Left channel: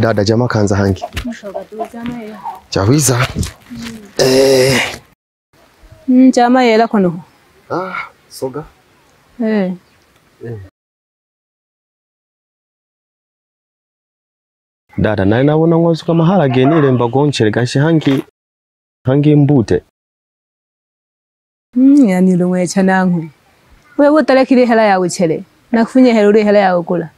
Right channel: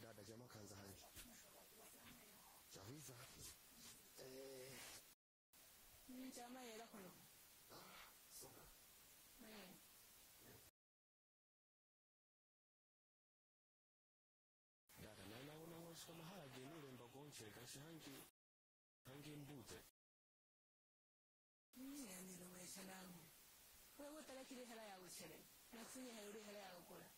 Dada jamaa kaanza hangi. Chawiza. Jamaa yela kono. Soga. Dada naye nabona ngozi kama haragenile mbagonchere gashi hangi mbute. Yani lumwe chanangu. Wewe utalekile hela yawe chere. Nakufunye hela yawe kula.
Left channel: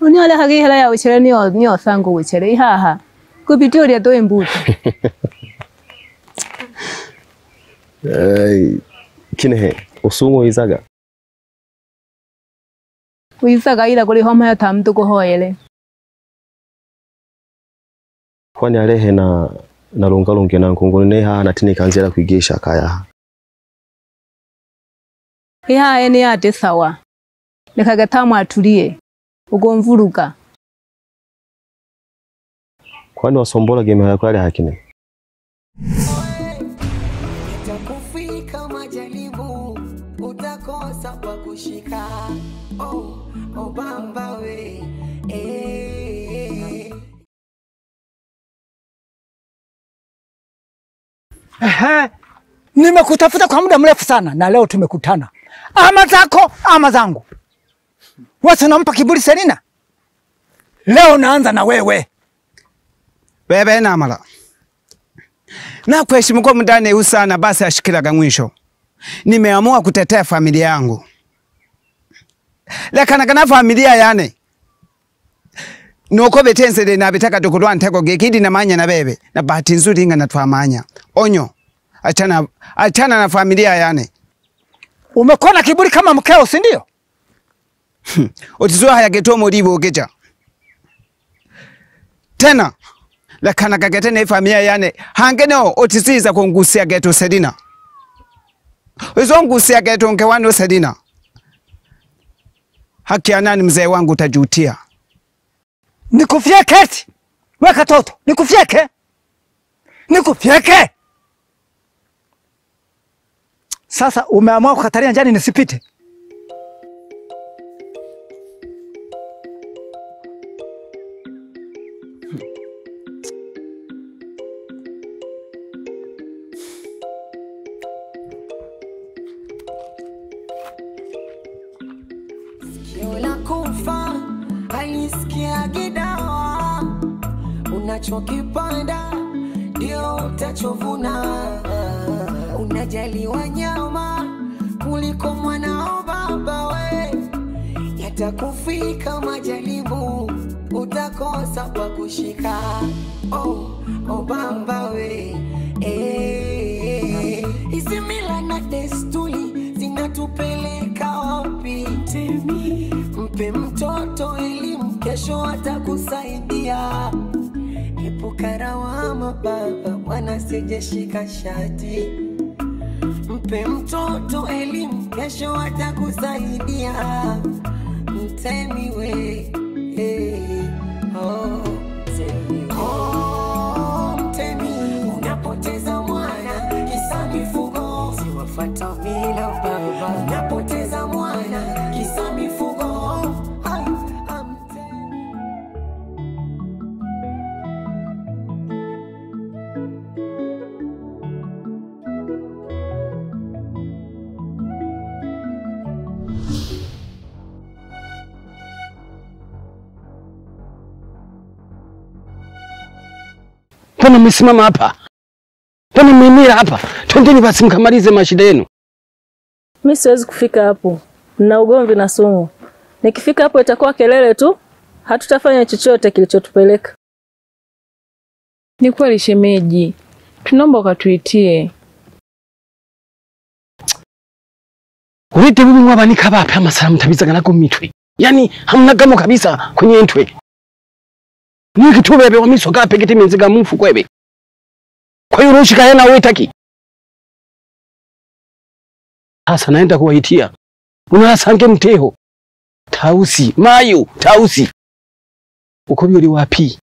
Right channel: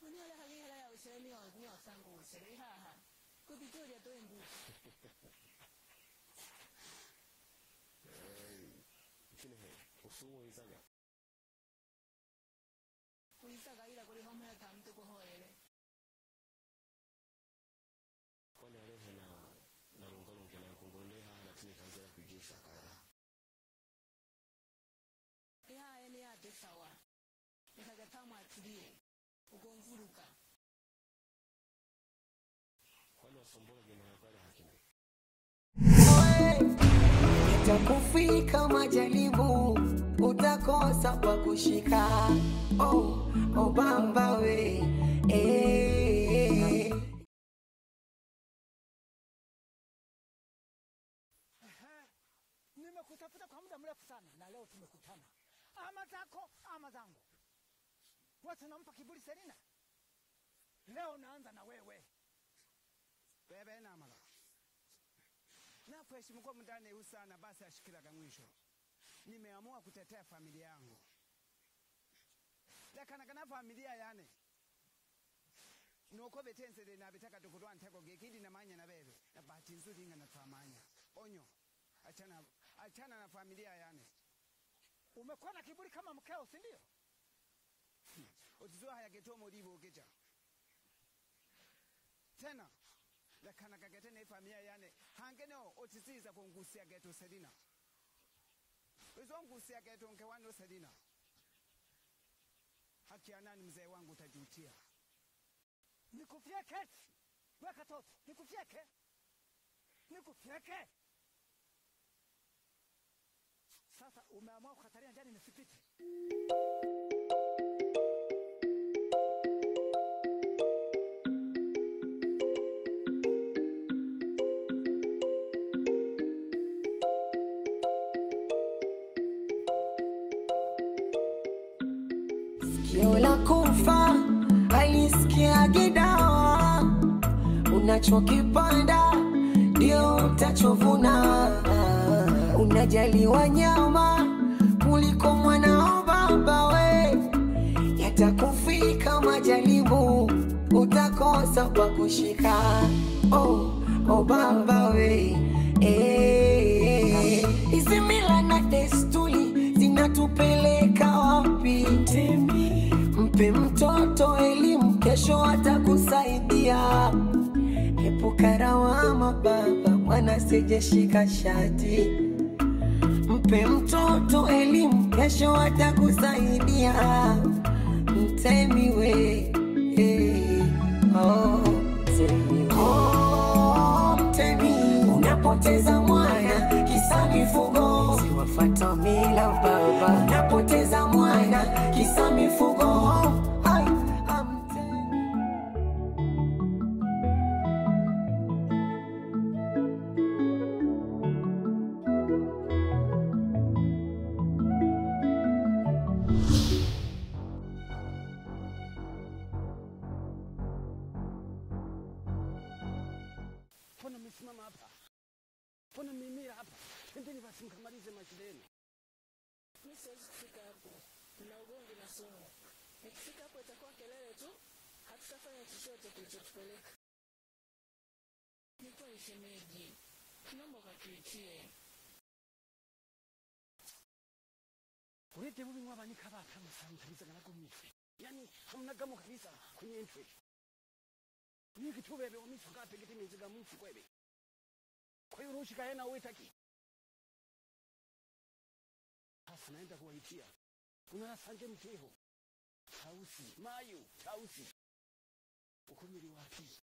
Uni ala hagi hela yawe chere niyo sangu wichere ihaha. Kupitia ya toe mbute. Kinehe usumo izaga. Uizaga ila kuli homa ya tamtu kuhoyele. Kwani alehe na lungalunge na nkunguni neha natini kanzela kuigisha kaya. Iha ene ate sawa. Nekagatamu atulie. Ugomvuruka. Kwani wasombola game yako ale hakine. Itakufika majaribu utakosa kwa kushika. Baba we. Nimekutafuta kwa muda mrefu sana na leo tumekutana. Ama zako ama zangu. Wewe unampa kiburi Selina? Leo naanza na wewe. Bebe na mala. Na kuheshimu kwa mdane usana basi ashikiraga mwisho. Nimeamua kutetea familia yangu. Lekana kana familia yane. Nuko betense de na betaka dokulwa ntego gekidi na manya na bebe. Na bahati nzuri inga na tuamanya. Onyo. Achana na familia yane. Umekona kiburi kama mkeo, si ndio? Otizwa haya geto moribo geja. Tena lekana kagete ne familia yane hangeneo otisiza kungusia geto Selina. Uzongusia geto nkewano Selina. Haki ya nani mzee wangu utajutia. Nikufyeke eti. Weka toto, nikufyeke. Nikufyeke. Sasa umeamua kukataria njani nisipite. Sikio la kufa halisikia gidawa. Unachokipanda ndio utachovuna. Unajali wanyama kuliko mwanao baba we. Yatakufika majaribu utakosa pa kushika. Baba we. Hizi mila na desturi zinatupeleka wapi? Mpe mtoto elimu kesho atakusaidia. Epuka lawama baba mwana sijeshika shati. Mpe mtoto elimu kesho atakusaidia. Mtemi we. Mtemi unapoteza mwana kisa mifugo. Siwafuata mila baba. Unapoteza mwana kisa mifugo. Mbona mmesimama hapa? Mbona mmemira hapa? Twendeni basi mkamalize mashida yenu. Mimi siwezi kufika hapo. Na ugomvi na sumu. Nikifika hapo itakuwa kelele tu. Hatutafanya chochote kilichotupeleka. Ni kweli shemeji. Tunaomba ukatuitie. Urete bubi mwabanika bape amasalamu tabizaga nako mitwe. Yani hamna gamo kabisa kwenye ntwe. Niki tubebe wa miso gape giti menziga mufu kwebe. Kwa hiyo rushika yana wetaki. Asa naenda kuwaitia. Unasange mteho. Tausi, mayu, tausi. Uko biyo wapi?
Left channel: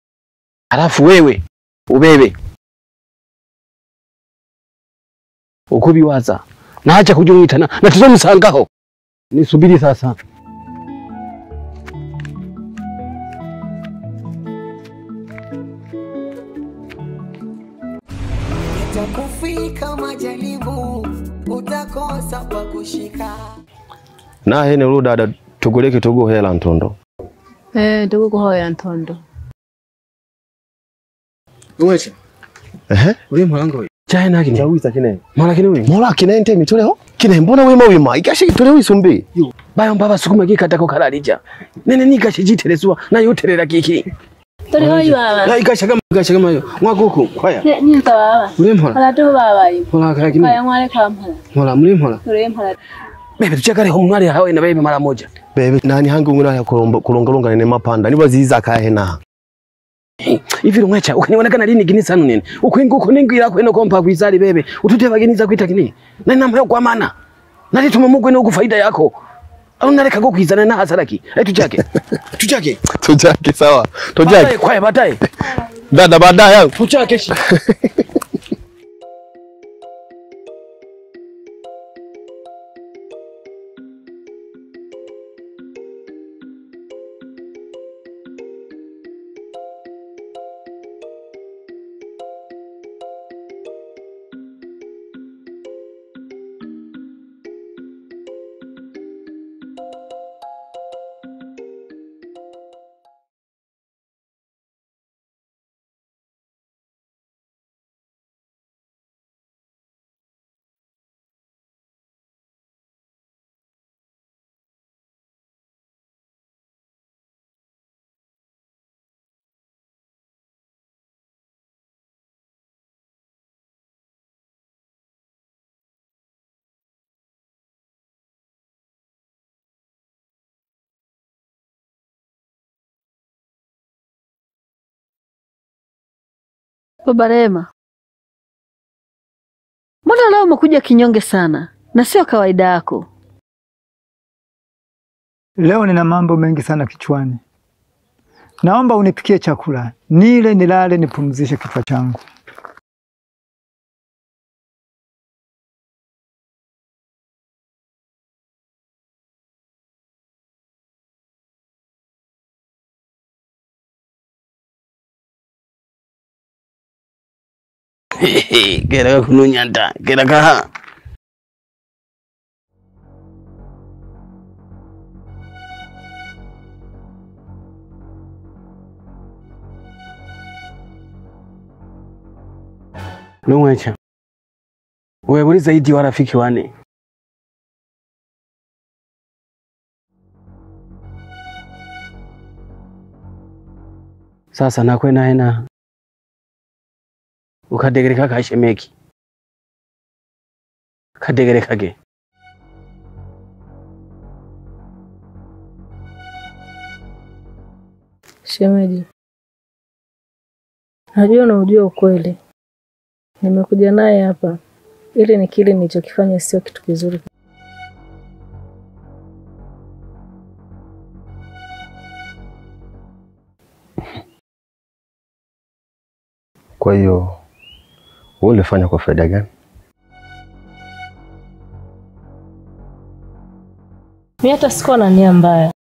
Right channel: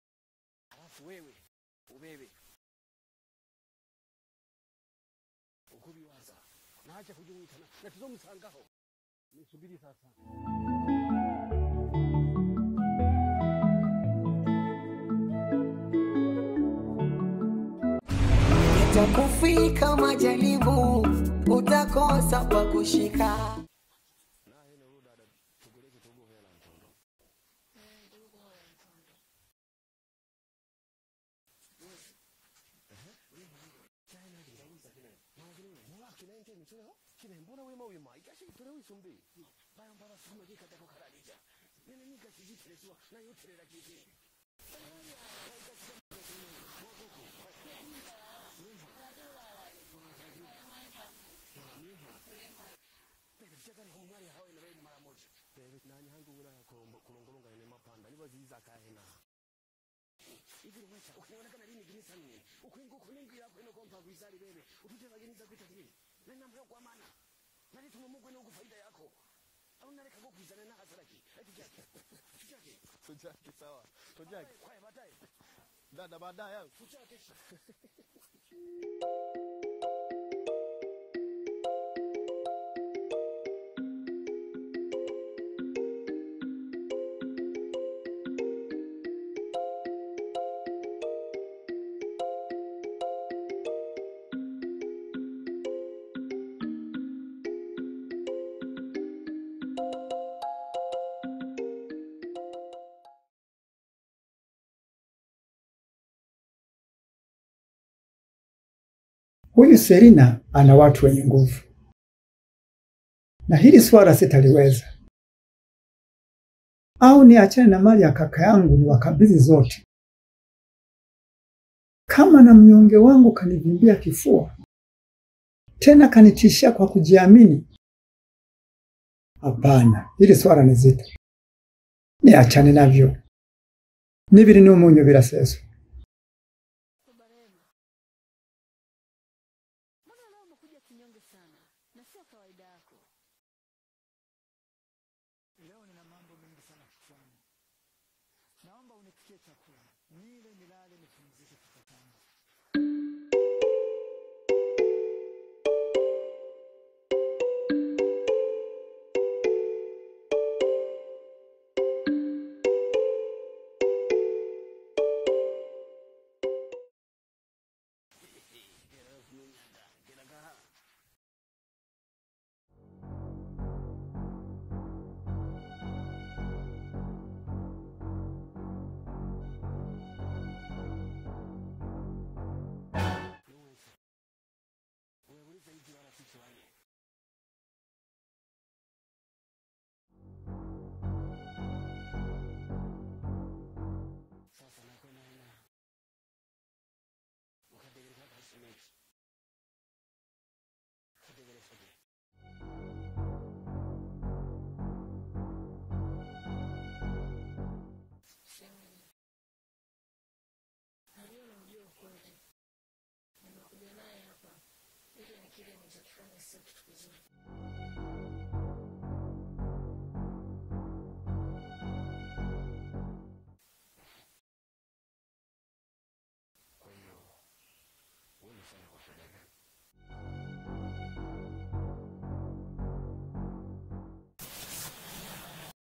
Alafu wewe ubebe. Uko biwaza. Na acha kujungitana na tuzomusangaho. Nisubiri sasa. nakosa pa kushika. Na hene dada tuguleke tugo hela ntondo. Tugo kuhoya ntondo. Uweche. Uri mwanangu we. Chahe na kine. Chawisa kine. Mala kine we. Mola kine ente mituleho. Kine mbona wima ikashi tuleho isumbi. Bayo mbaba sukuma gikata ko kalalija. Nene nikashi jitelezwa na yoterera kiki. Tuli hoyi baba. Ya ikashagama yo. Mwaguku kwaya. Nyinta baba. Uri mhola. Ala tu baba yi. Mhola kaya kine. Kaya mwale kamhola. Mhola muri mhola. Uri mhola. Bebe tuchakare ho mwali hawe na bebe mara moja. Bebe nani hangu nguna ya kulongalonga nene mapanda. Niba ziza kahe na. Hivi rumwecha ukanionekana lini gini sanu nene. Ukwinga ukunengira kweno kompa kwizali bebe. Utute bageniza kwita kini. Nani namwe kwa maana. Nali tumamugwe no kufaida yako. Au naleka go kwizana na hasaraki. Tuchake. Tuchake sawa. Tuchake. Kwaya bataye. Dada baadaye. Tuchake shi. Huyu Selina ana watu wenye nguvu. Na hili swala sitaliweza. Au niachane na mali ya kaka yangu ni wakabidhi zote. Kama na mnyonge wangu kanivimbia kifua. Tena kanitishia kwa kujiamini. Hapana, hili swala ni zito. Niachane navyo. Nibiri ni umunyo bila seso. Baba Rema. Mbona leo umekuja kinyonge sana na sio kawaida yako? Leo nina mambo mengi sana kichwani. Naomba unipikie chakula. Nile nilale nipumzishe kichwa changu. Kera kununyanda, kera kaha. Lumwecha. Wewe uli zaidi wa rafiki wane. Sasa nakwena hena. Ukadegereka kashemeki. Kadegereka ge. Shemeji. Najua na ujua ukweli. Nimekuja naye hapa ili nikili nilichokifanya sio kitu kizuri. Kwa hiyo wewe ulifanya kwa faida gani? Mimi hata sikuwa na nia mbaya.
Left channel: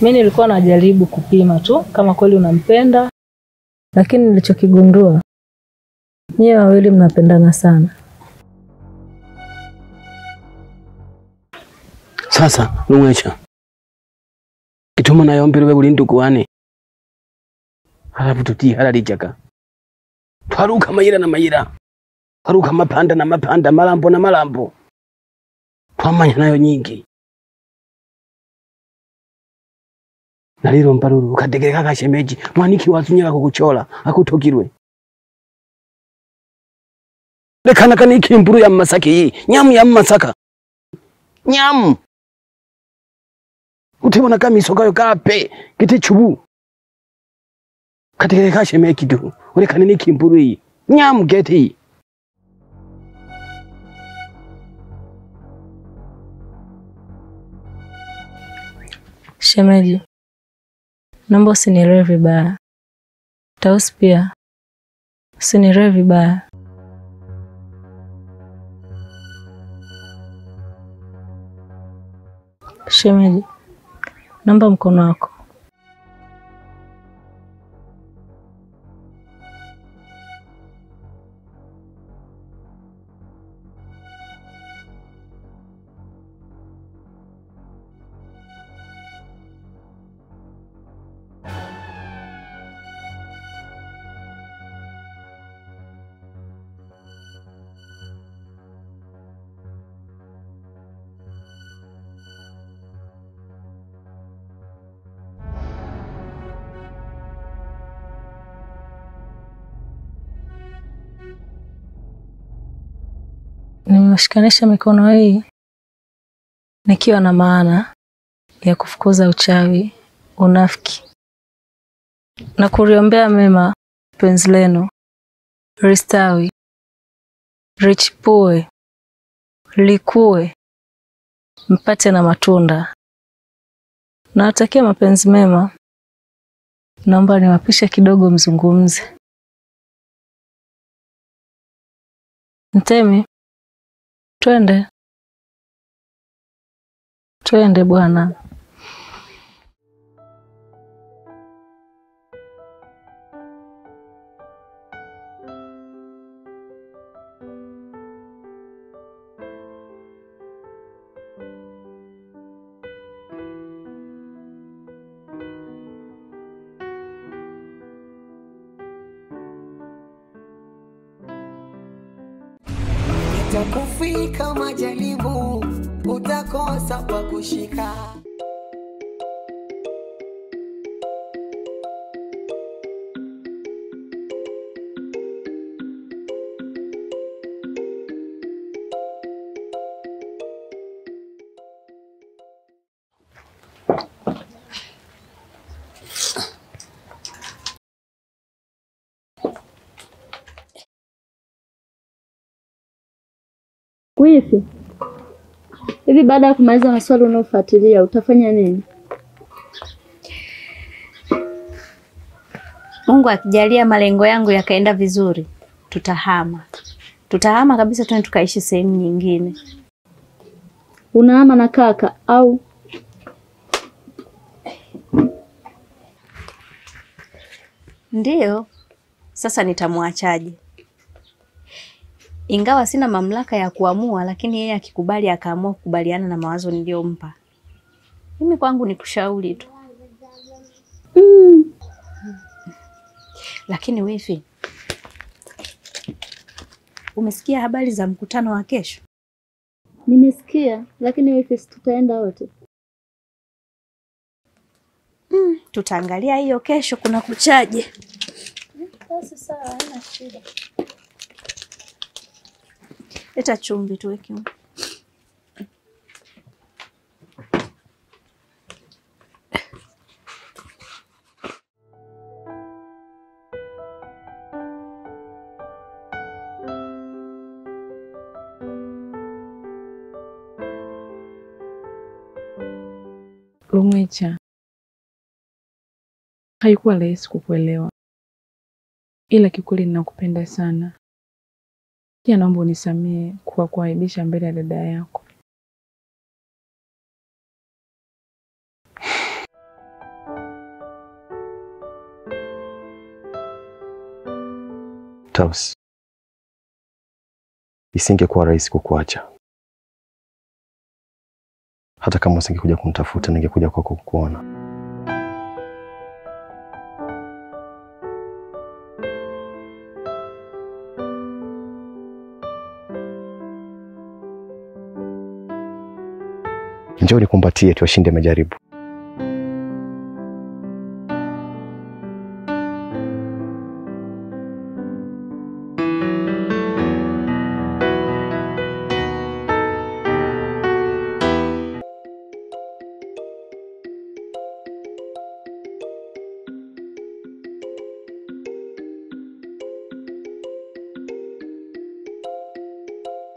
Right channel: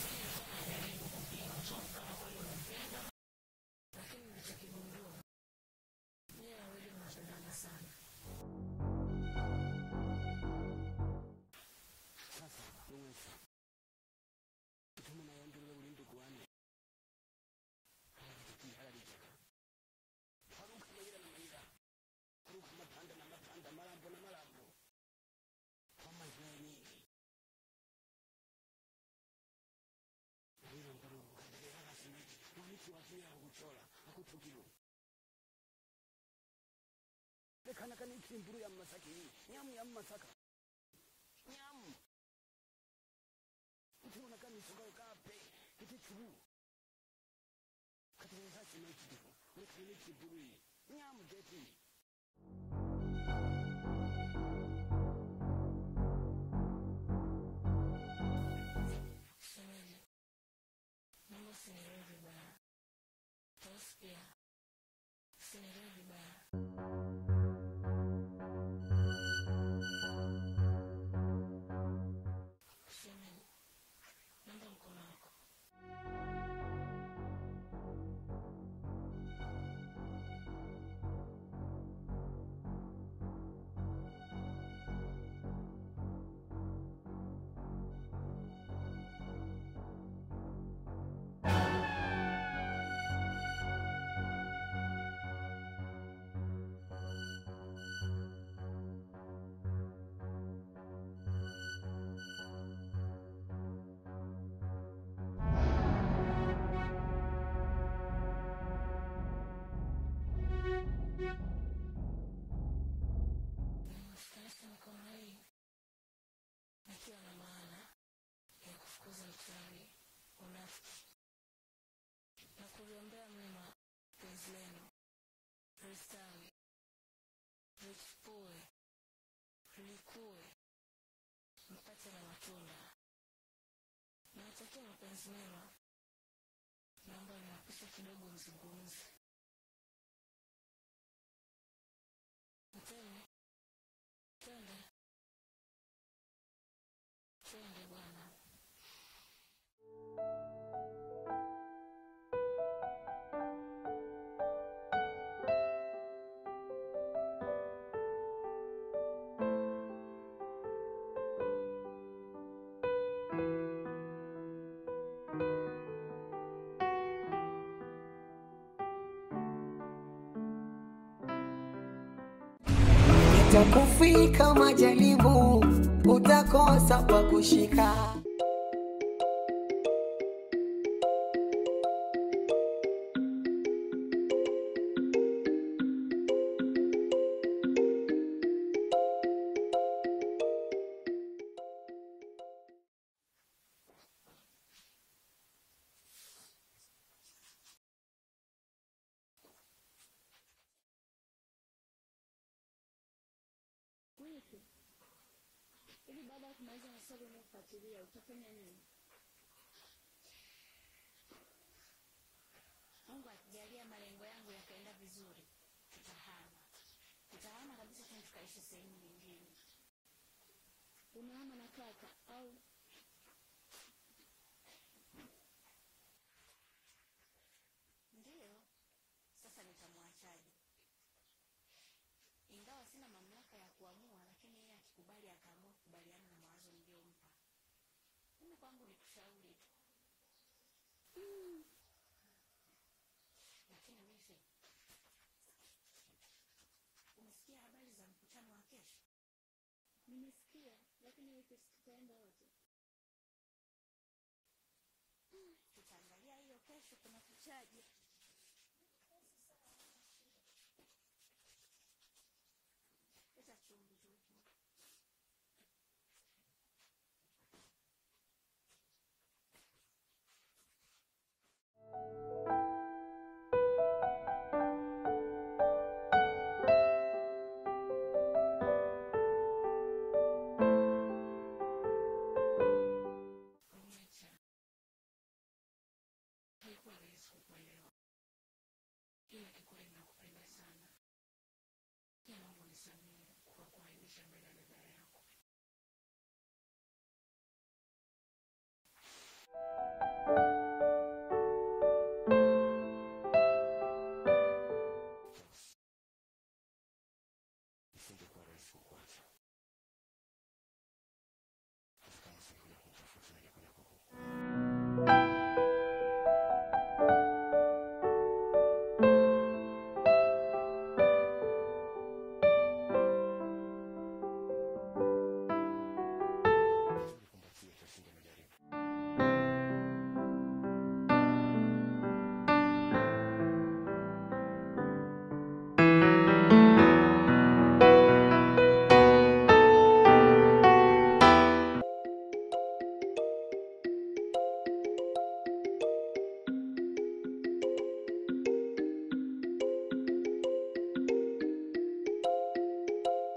Mimi nilikuwa najaribu kupima tu kama kweli unampenda. Lakini nilichokigundua, nyie wawili mnapendana sana. Sasa Lumwecha. Kituma na yombere we uli ndugu wane. Halafu tuti halalijaka. Twaruka mayira na mayira. Twaruka mapanda na mapanda, malambo na malambo. Twamanya nayo nyingi. Naliro mparuru ukadegereka kashemeji mwaniki wazunyaka kukuchola akutokirwe. Lekana kaniki mburu ya Masaki hii, nyamu ya Masaka. Nyamu. Utibona kama isokayo kape kiti chubu. Kadegereka kashemeji tu. Ulekana niki mburu hii. Nyamu geti hii. Shemeji. Naomba usinielewe vibaya. Tausi pia. Usinielewe vibaya. Shemeji. Naomba mkono wako. nimeshikanisha mikono hii nikiwa na maana ya kufukuza uchawi, unafiki na kuriombea mema penzi lenu ristawi, richipue, likue, mpate na matunda. Nawatakia mapenzi mema. Naomba niwapishe kidogo mzungumze. Mtemi, twende bwana. Itakufika majaribu, utakosa pa kushika. Wifi, hivi baada ya kumaliza maswali unaofuatilia utafanya nini? Mungu akijalia malengo yangu yakaenda vizuri, tutahama. Tutahama kabisa, twende tukaishi sehemu nyingine. Unahama na kaka au? Ndiyo. Sasa nitamwachaje? Ingawa sina mamlaka ya kuamua, lakini yeye akikubali akaamua kukubaliana na mawazo niliyompa, mimi kwangu ni kushauri tu. Lakini wifi, umesikia habari za mkutano wa kesho? Nimesikia, lakini wifi tutaenda wote. Tutaangalia hiyo kesho kuna kuchaje. Sasa sawa, haina shida. Leta chumvi tuweke. Lumwecha, haikuwa rahisi kukuelewa, ila kikweli ninakupenda sana. Pia naomba unisamehe kwa kuaibisha mbele ya dada yako. Tausi, isingekuwa rahisi kukuacha. Hata kama usingekuja kunitafuta, ningekuja kwako kukuona. Njoo nikumbatie tuwashinde majaribu.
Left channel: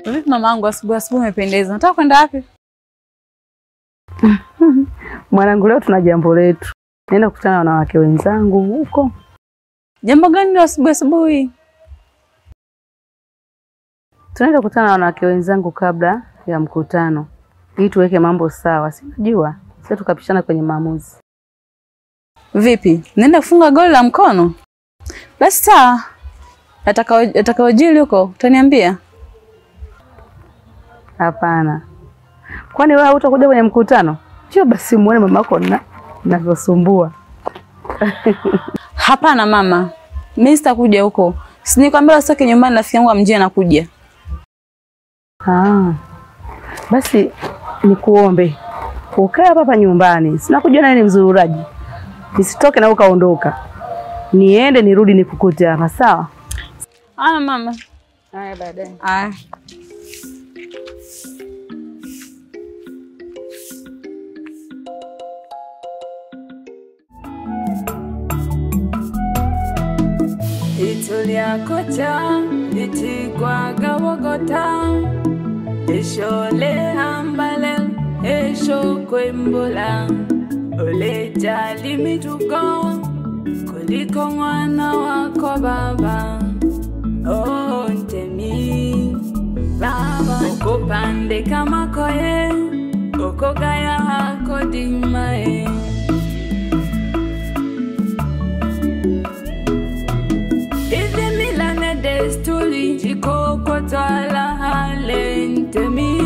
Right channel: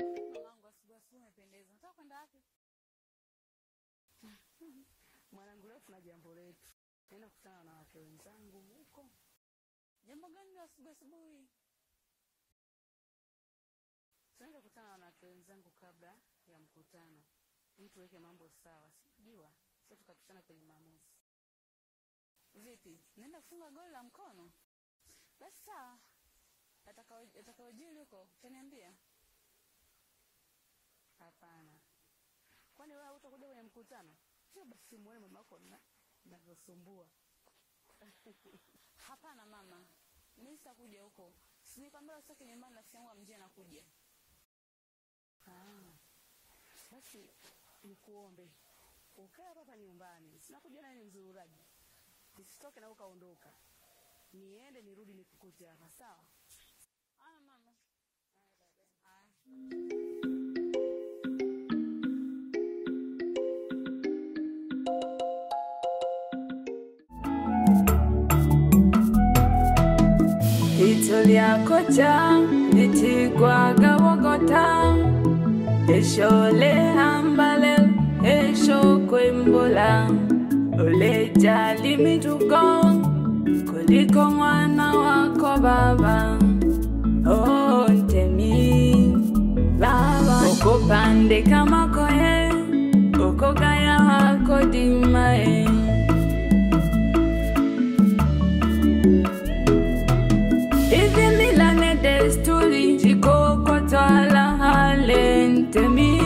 Vipi mamangu, asubuhi umependeza. Nataka kwenda wapi? Mwanangu, leo tuna jambo letu. Naenda kukutana na wanawake wenzangu huko. Jambo gani leo asubuhi? Tunaenda kukutana na wanawake wenzangu kabla ya mkutano, ili tuweke mambo sawa. Sijua, sasa tukapishana kwenye maamuzi. Vipi? Nenda kufunga goli la mkono? Basi sawa. Atakayojili huko utaniambia. Hapana. Kwani wewe hutakuja kwenye mkutano? Sio basi muone mamako ninavyosumbua. Hapana mama. Mimi sitakuja huko. Sinikwambia usitoke nyumbani, rafiki yangu amjie anakuja. Basi nikuombe ukae hapa nyumbani. Sina kujua nani ni mzururaji. Nisitoke na ukaondoka. Niende nirudi nikukute hapa, sawa? Mama. Haya baadaye. Haya. Litulia kocha litigwa gawogota eshole hambale esho kwembola oleja limitugo kuliko mwana wako baba. Oh ntemi baba ukopande kama koe ukogaya hako dimae. Ivi milane desturi jiko kwa twala hale ntemi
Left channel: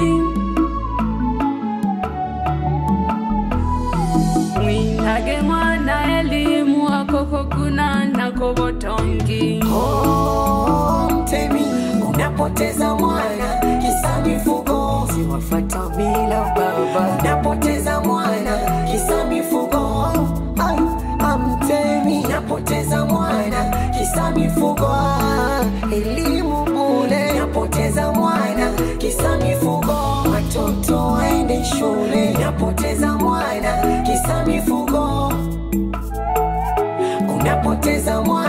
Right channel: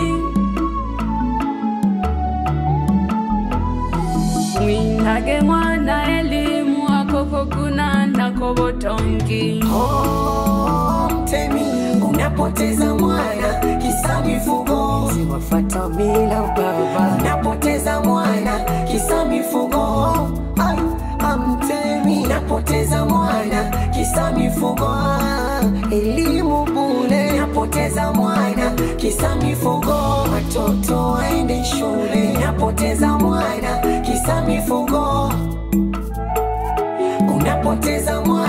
mwinage mwana elimu wakoko kuna na kobotongi. Oh mtemi unapoteza mwana kisa mifugo siwafata bila baba. Unapoteza mwana kisa mifugo ay amtemi. Unapoteza mwana kisa mifugo elimu bure. Unapoteza mwana kisa mifugo watoto waende shule. Unapoteza mwana kisa mifugo. Unapoteza mwana